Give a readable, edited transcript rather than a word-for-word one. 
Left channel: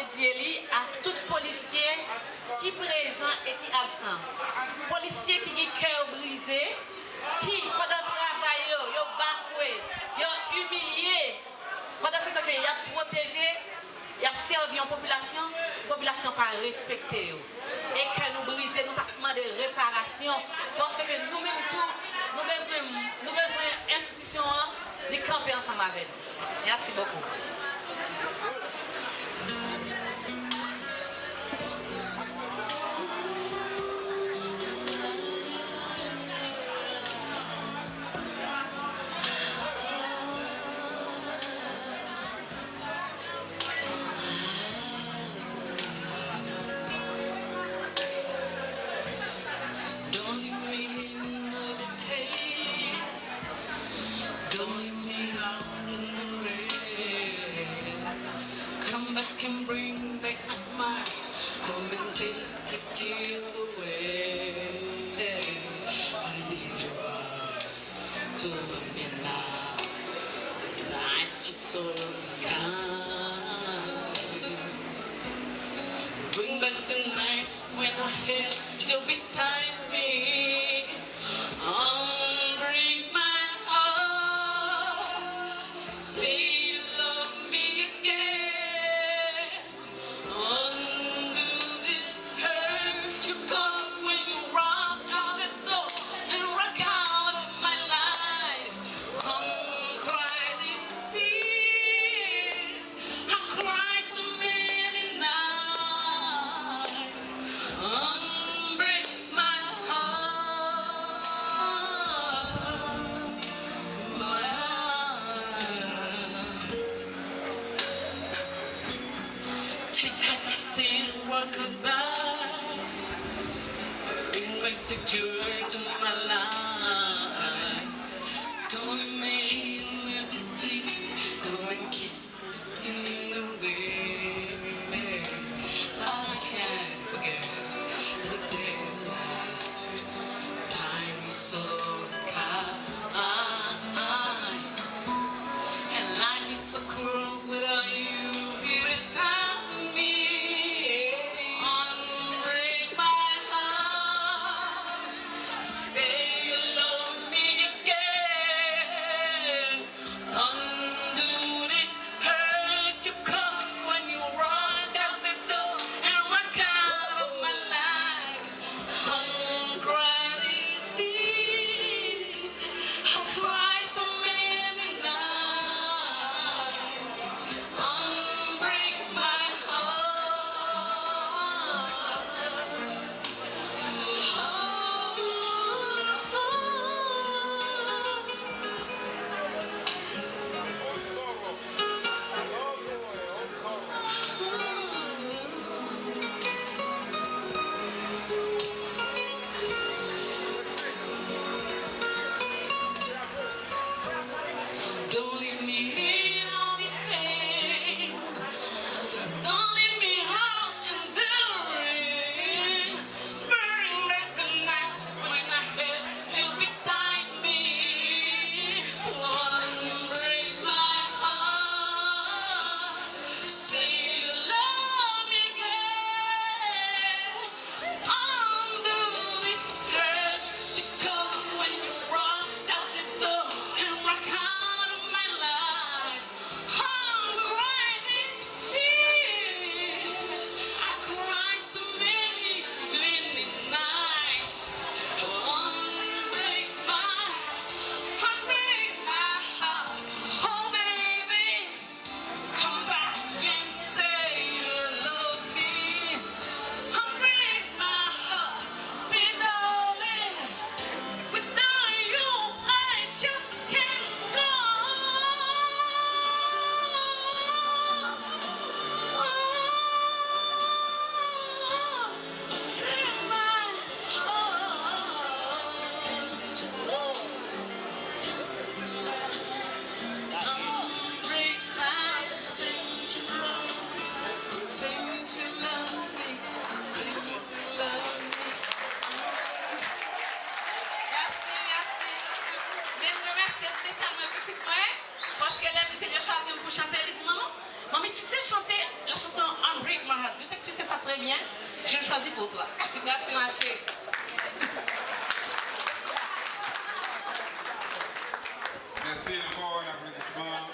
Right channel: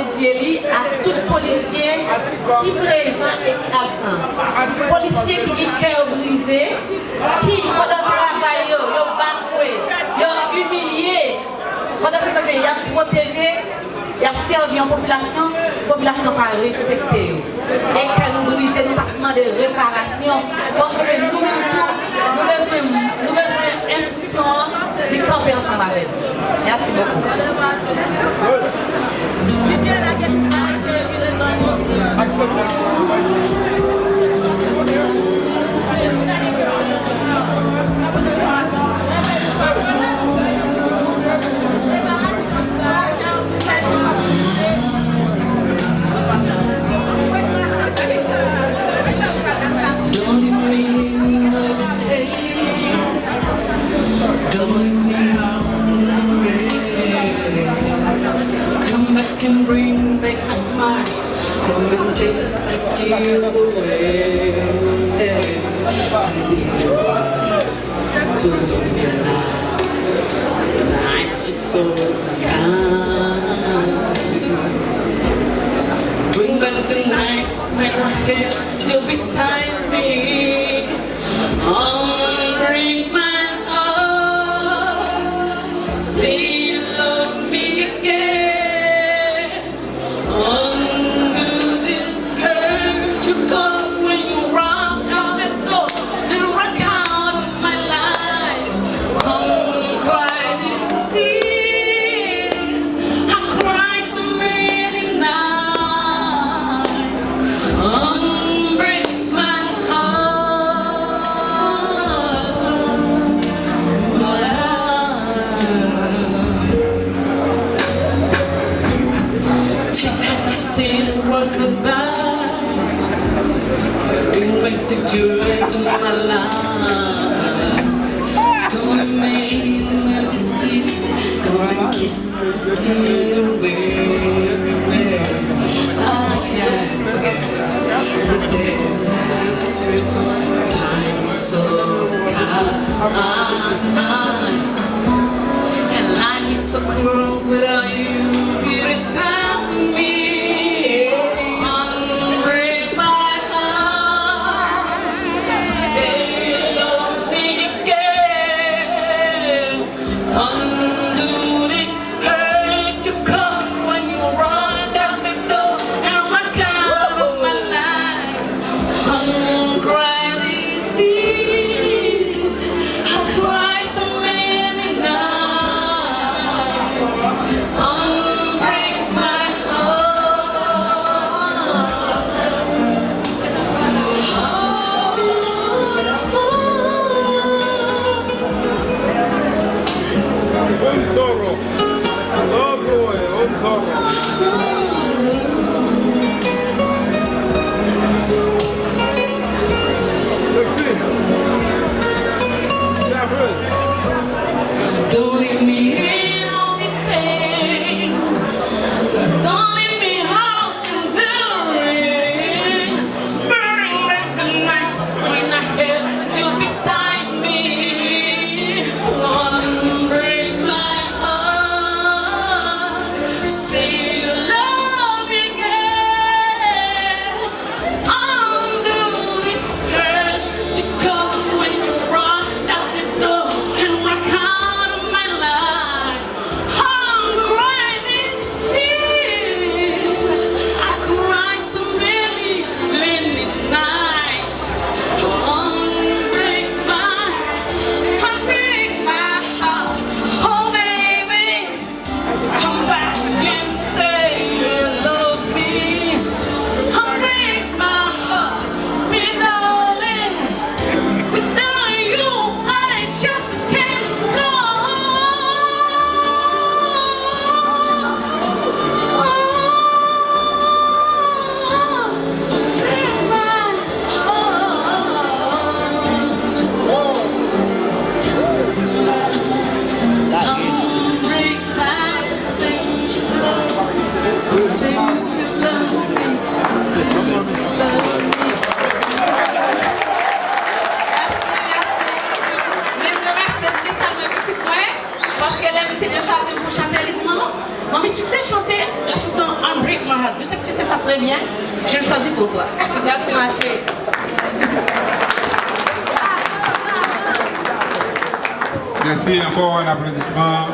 dédié à tout policier qui est présent et qui est absent. Policier qui a le cœur brisé, qui pendant le travail, il a bafoué, il a humilié, pendant ce temps il a protégé, il a servi en population, la population pas respecté. Et que nous brisons, nous avons de réparation, parce que nous besoin d'institutions du camper ensemble avec nous. Merci beaucoup. Can bring back my smile, come and take the tears away. I need your arms to me now. Nights is so kind. Bring back the nights when I had you beside me. Bring my heart, say you love me again. The joy to my life. Come and make me misty. Come and kiss us away. I can't forget the day. Time is so kind, and life is so cruel without you. It is time for me. Maman, tu sais chanter la chanson Unbreak My Heart. Je sais que tu sais ça très bien. Je le choisis pour toi. Merci ma chérie. Merci, encore un applaudissement.